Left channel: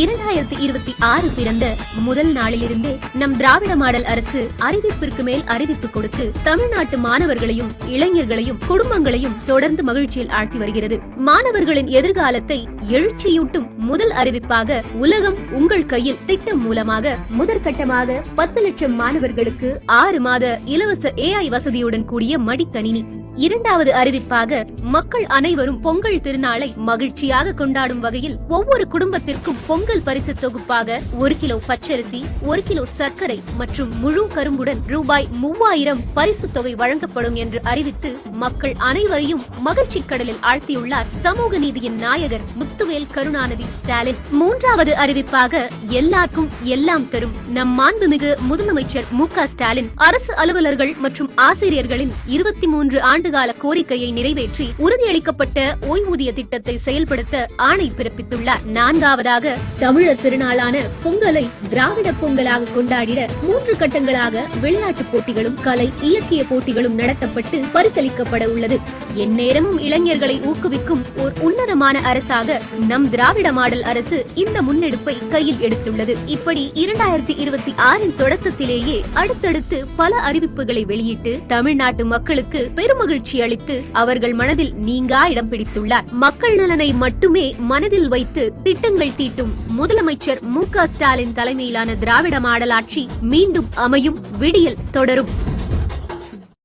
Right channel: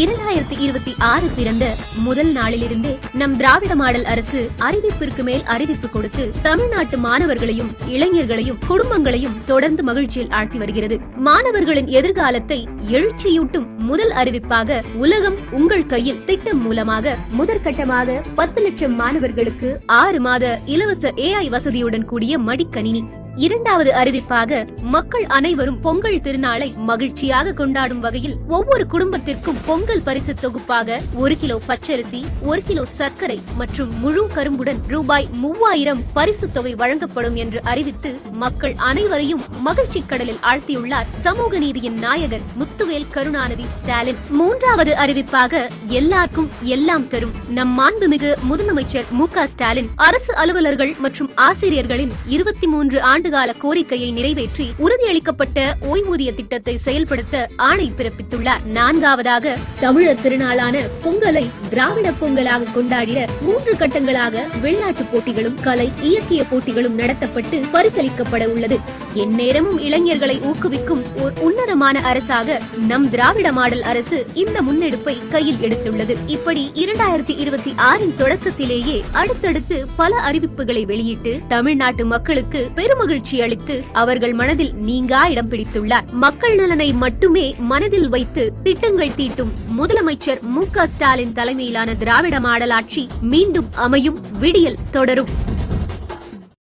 இரண்டாயிரத்தி இருபத்தி ஆறு பிறந்த முதல் நாளிலிருந்து நம் திராவிட மாடல் அரசு அறிவிப்பிற்கு மேல் அறிவிப்பு கொடுத்து தமிழ்நாட்டு மாணவர்களையும் இளைஞர்களையும் குடும்பங்களையும் தொடர்ந்து மகிழ்ச்சியில் ஆழ்த்தி வருகிறது. மாணவர்களின் எதிர்காலத்தை எழுச்சியூட்டும் முதல் அறிவிப்பாக உலகம் உங்கள் கையில் திட்டம் மூலமாக முதற்கட்டமாக பத்து லட்சம் மாணவர்களுக்கு ஆறு மாத இலவச ஏஐ வசதியுடன் கூடிய மடிக்கணினி. இரண்டாவது அறிவிப்பாக மக்கள் அனைவரும் பொங்கல் திருநாளை மகிழ்ச்சியாக கொண்டாடும் வகையில் ஒவ்வொரு குடும்பத்திற்கும் பொங்கல் பரிசு தொகுப்பாக ஒரு கிலோ பச்சரிசி ஒரு கிலோ சர்க்கரை மற்றும் முழு கரும்புடன் ரூபாய் மூவாயிரம் பரிசு தொகை வழங்கப்படும் என்று அறிவித்து மக்கள் அனைவரையும் மகிழ்ச்சி கடலில் ஆழ்த்தியுள்ளார் சமூக நீதியின் நாயகர் முத்துவேல் கருணாநிதி ஸ்டாலின். மூன்றாவது அறிவிப்பாக எல்லாருக்கும் எல்லாம் தரும் நம் மாண்புமிகு முதலமைச்சர் மு க ஸ்டாலின். அரசு அலுவலர்கள் மற்றும் ஆசிரியர்களின் இருபத்தி மூன்று ஆண்டு ஆண்டுகால கோரிக்கையை நிறைவேற்றி உறுதியளிக்கப்பட்ட ஓய்வூதிய திட்டத்தை செயல்படுத்த ஆணை பிறப்பித்துள்ளார். நான்காவதாக தமிழர் திருநாளான பொங்கலை திராவிட பொங்கலாக கொண்டாடிட மூன்று கட்டங்களாக விளையாட்டுப் போட்டிகளும் கலை இலக்கிய போட்டிகளும் நடத்தப்பட்டு பரிசளிக்கப்பட உள்ளது. எந்நேரமும் இளைஞர்களை ஊக்குவிக்கும் ஒரு உன்னதமான அரசாக நம் திராவிட மாடல் அரசு இந்த முன்னெடுப்பை கையில் எடுத்துள்ளது. இப்படி இரண்டாயிரத்தி இருபத்தி ஆறின் தொடக்கத்திலேயே அடுத்தடுத்து பல அறிவிப்புகளை வெளியிட்டு தமிழ்நாட்டு மக்களுக்கு பெருமகிழ்ச்சி அளித்து அவர்கள் மனதில் நீங்கா இடம் பிடித்துள்ளார். மக்கள் நலனை மட்டுமே மனதில் வைத்து திட்டங்கள் தீட்டும் முதலமைச்சர் மு ஸ்டாலின் தலைமையிலான திராவிட மாடல் ஆட்சி மீண்டும் அமையும் விடியல் தொடரும்.